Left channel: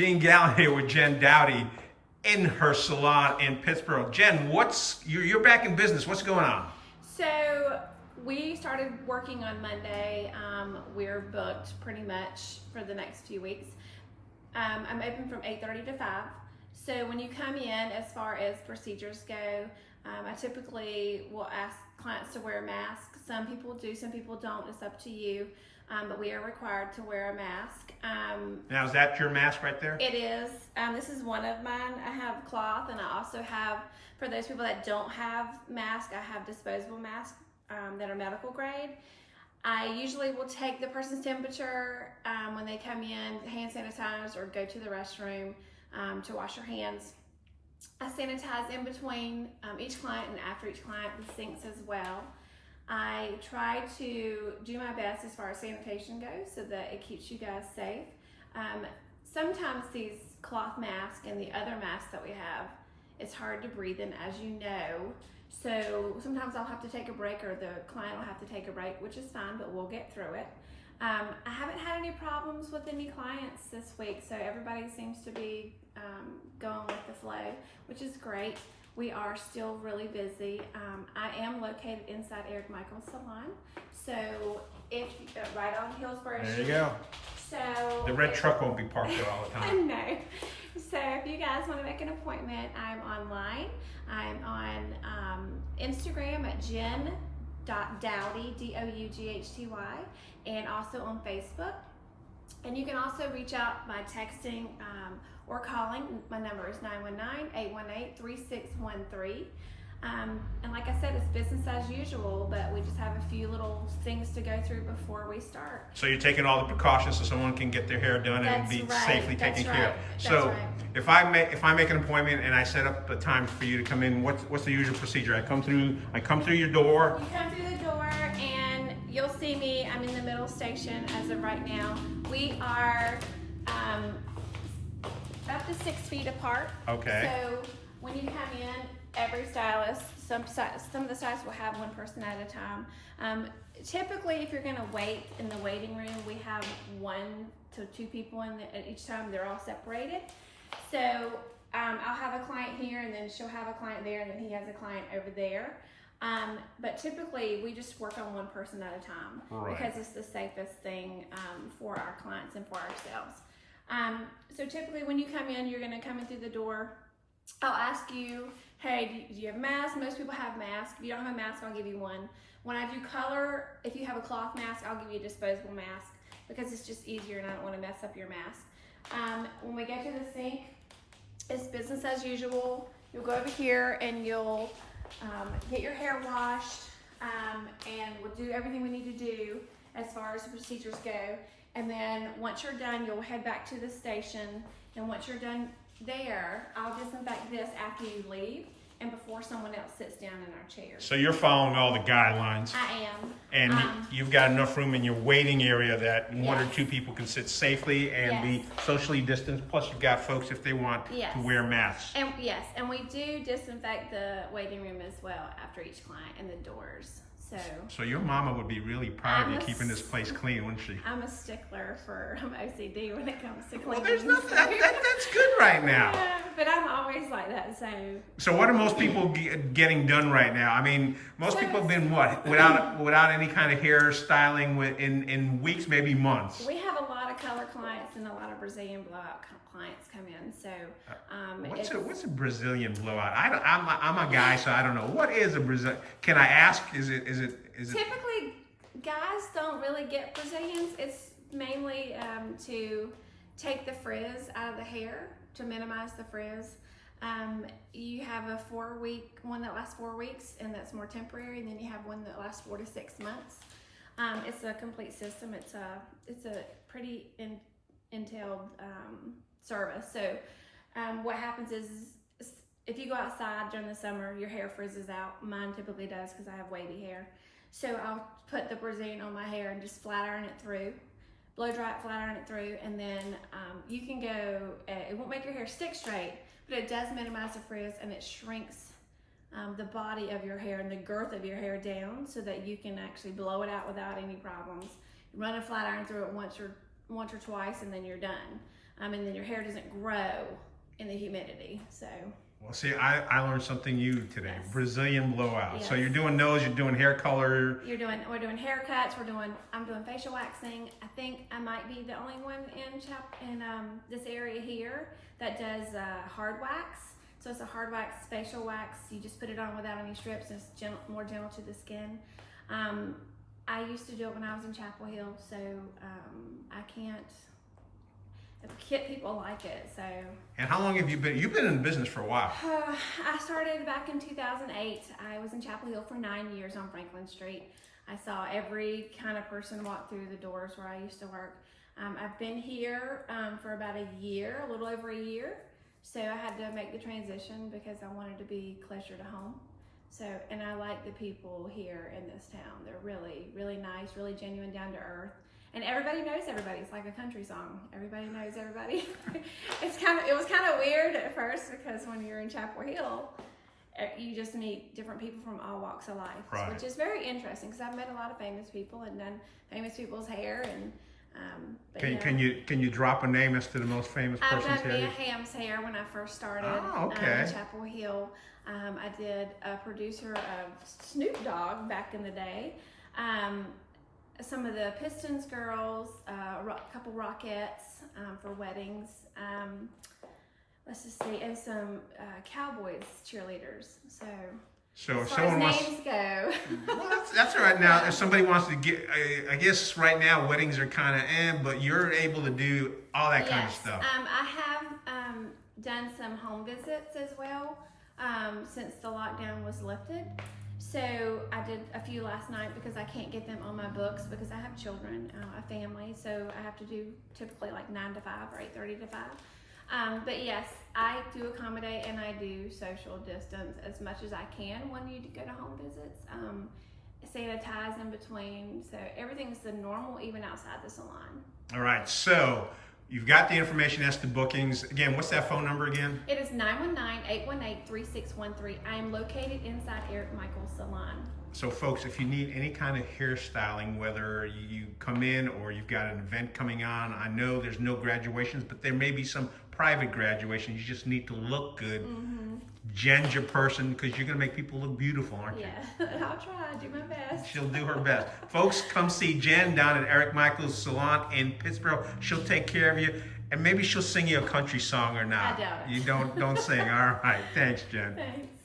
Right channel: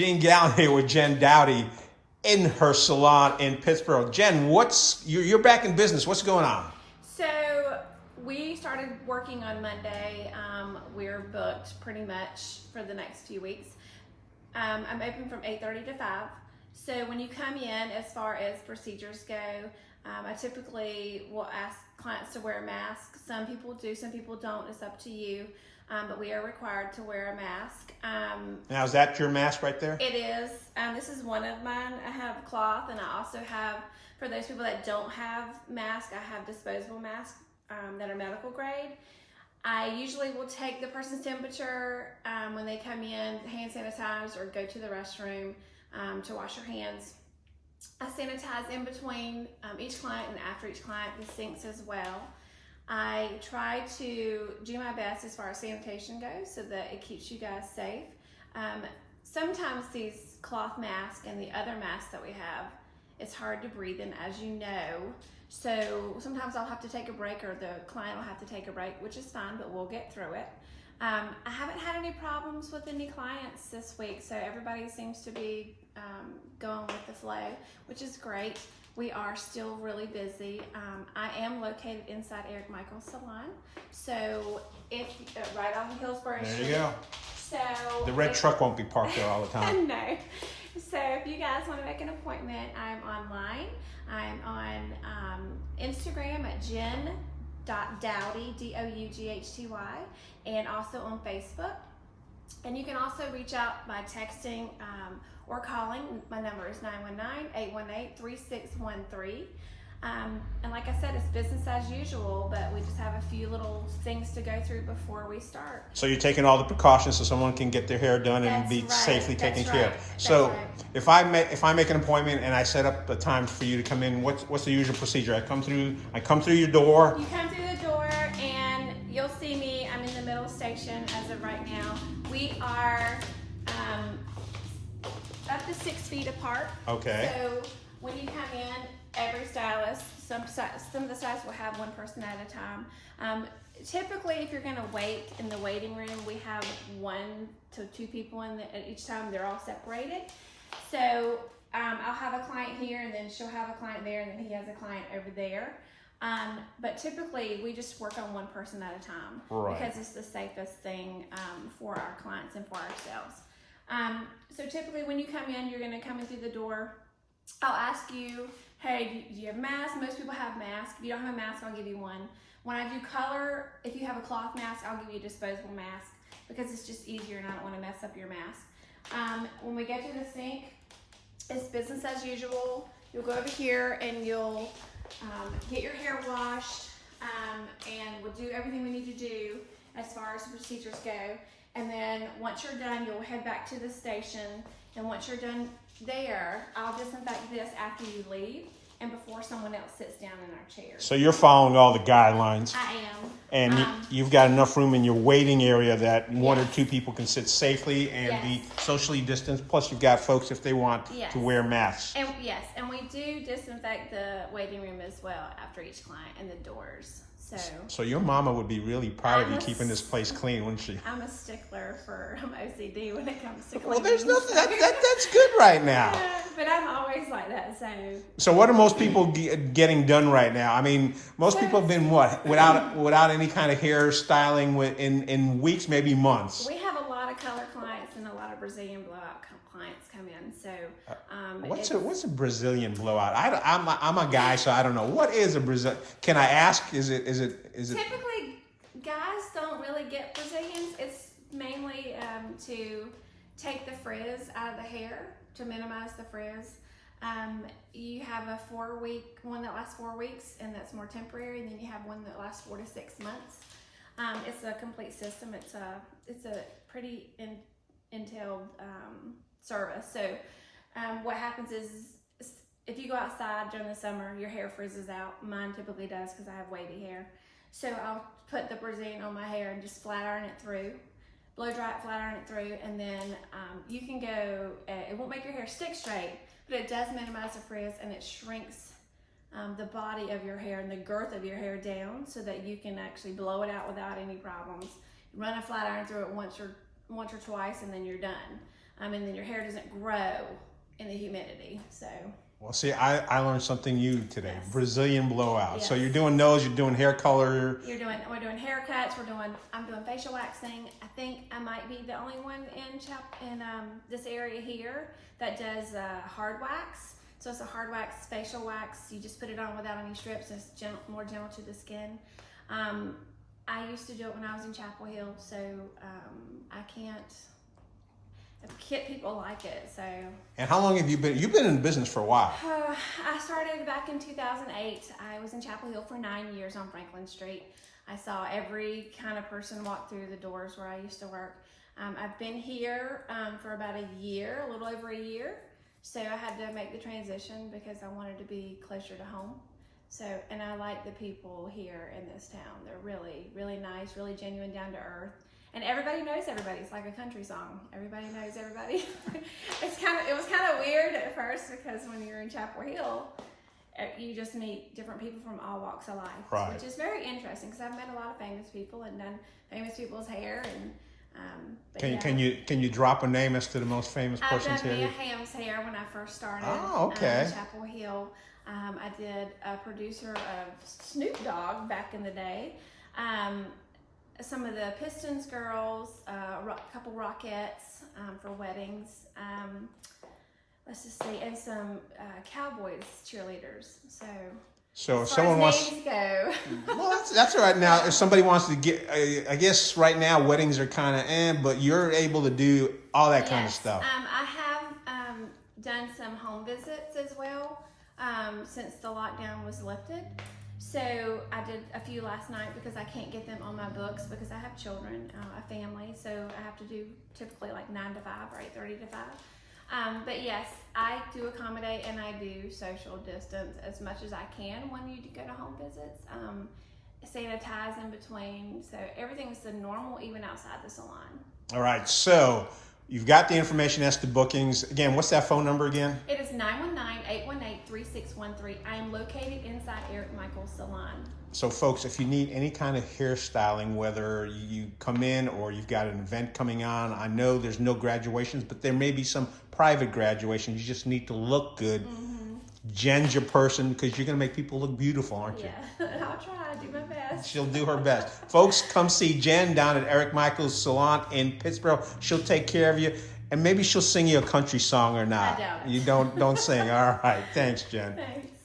Being Gallen here with Jen Doughty in her salon in Pittsburgh. Jen, you're back in business. What's going on? So we started working on Monday. We're booked pretty much for the next few weeks. I'm open from 8:30 to 5. So when you come in, as far as procedures go, I typically will ask clients to wear a mask. Some people do, some people don't. It's up to you. But we are required to wear a mask. Now, is that your mask right there? It is. This is one of mine. I have cloth, and I also have, for those people that don't have masks, I have disposable masks that are medical grade. I usually will take the person's temperature when they come in, hand sanitize, or go to the restroom to wash your hands. I sanitize in between each client and after each client, the sinks as well. I try to do my best as far as sanitation goes so that it keeps you guys safe. Sometimes these cloth masks and the other masks that we have, it's hard to breathe in, as you know. So sometimes I'll have to take a break, or the client will have to take a break, which is fine, but we'll get through it. I haven't had any problems with any clients this week, so everybody seems to be going with the flow, which is great. We are still really busy. I am located inside Eric Michael's salon, so right on Hillsborough Street. There you go. So The red truck won't be parked there all the time. No. So if you guys want to make an appointment, I'm online. I'm on Instagram at jen.doughty, Doughty, and also on Facebook. And you can also reach out by texting or calling. My number is 919-818-3613. And like I said, it's business as usual, but we just have a few little things to go through before we start. So you're taking all the precautions so someone can get their hair done and be safely taken care of. So if I make an appointment and I set up a time for you to come in, what's the usual procedure? I come through your door. You come through the door and you'll see me. I'm in the middle station as of right now. We are up to 6 feet apart. Okay. So when you come in, every stylist, some of the stylists will have one person at a time. Typically, if you're going to wait in the waiting room, we have 1 to 2 people in at each time. They're all separated. So I'll have a client here, and then she'll have a client there, and then he has a client over there. But typically, we just work on one person at a time, right, because it's the safest thing for our clients and for ourselves. So typically, when you come in, you're going to come in through the door. I'll ask you, hey, do you have a mask? Most people have masks. If you don't have a mask, I'll give you one. When I do color, if you have a cloth mask, I'll give you a disposable mask because it's just easier and I don't want to mess up your mask. When we get to the sink, it's business as usual. You'll go over here and you'll get your hair washed, and we'll do everything we need to do as far as the procedures go. And then once you're done, you'll head back to the station. And once you're done there, I'll disinfect this after you leave and before someone else sits down in our chairs. So you're following all the guidelines. I am. And you've got enough room in your waiting area that one or Yes. 2 people can sit safely and Yes. be socially distanced. Plus, you've got folks if they want Yes. to wear masks. And yes, and we do disinfect the waiting room as well after each client and the doors. So your mama would be really proud of I'm you a keeping this place clean, wouldn't she? I'm a stickler for OCD when it comes to cleaning. Well, there's nothing. That's good right now. Yeah, but I'm always like that. So what are most people getting done right now? I mean, most people have been without any kind of hair styling in weeks, maybe months. We have a lot of color clients and a lot of Brazilian blowout clients come in. So what's a Brazilian blowout? I'm a guy, so I don't know. What is a Brazilian? Can I ask? Is it? Typically, guys don't really get Brazilians. It's mainly to take the frizz out of the hair, to minimize the frizz. You have a 4-week one that lasts 4 weeks, and that's more temporary. And then you have one that lasts 4 to 6 months. It's a complete system. It's a pretty entailed service. So what happens is, if you go outside during the summer, your hair frizzes out. Mine typically does because I have wavy hair. So I'll put the Brazilian on my hair and just flat iron it through, blow dry it, flat iron it through, and then you can go, it won't make your hair stick straight, but it does minimize the frizz, and it shrinks the body of your hair and the girth of your hair down so that you can actually blow it out without any problems. Run a flat iron through it once or twice, and then you're done. and then your hair doesn't grow in the humidity. So. Well, see, I learned something new today. Yes. Brazilian blowout. Yes. So you're doing those. You're doing hair color. We're doing haircuts. I'm doing facial waxing. I think I might be the only one in this area here that does hard wax. So it's a hard wax facial wax. You just put it on without any strips. And it's more gentle to the skin. I used to do it when I was in Chapel Hill, so I can't. People like it, so. And how long have you been? You've been in business for a while. I started back in 2008. I was in Chapel Hill for 9 years on Franklin Street. I saw every kind of person walk through the doors where I used to work. I've been here for about a little over a year. So I had to make the transition because I wanted to be closer to home. So, and I like the people here in this town. They're really, really nice, really genuine, down to earth. And everybody knows everybody. It's like a country song. Everybody knows everybody. It was kind of weird at first because when you're in Chapel Hill, you just meet different people from all walks of life, right. Which is very interesting because I've met a lot of famous people and done famous people's hair. And can you drop a name as to the most famous person's hair? I've done Mia Hamm's hair when I first started. Oh, okay. In Chapel Hill. I did a producer of Snoop Dogg back in the day. Some of the Pistons girls, a couple Rockettes for weddings. Let's just see, and some Cowboys cheerleaders. So if someone wants, names go. Well, that's all right. Now, if somebody wants to get, I guess right now weddings are kind of but you're able to do all that kind of stuff. I have done some home visits as well since the lockdown was lifted. So I did a few last night because I can't get them on my books because I have children, a family. So I have to do typically like 9 to 5 or 8:30 to 5. But yes, I do accommodate and I do social distance as much as I can when you go to home visits. Sanitize in between. So everything's the normal even outside the salon. All right. So you've got the information as to bookings. Again, what's that phone number again? It is 919-818-3613. I am located inside Eric Michael's salon. So folks, if you need any kind of hairstyling, whether you come in or you've got an event coming on, I know there's no graduations, but there may be some private graduations. You just need to look good. Mm-hmm. Jen's your person because you're going to make people look beautiful, aren't you? Yeah, I'll try. Do my best. She'll do her best. Folks, come see Jen down at Eric Michael's Salon in Pittsburgh. She'll take care of you, and maybe she'll sing you a country song or not. I doubt it. You don't sing. All right. Thanks, Jen. Thanks.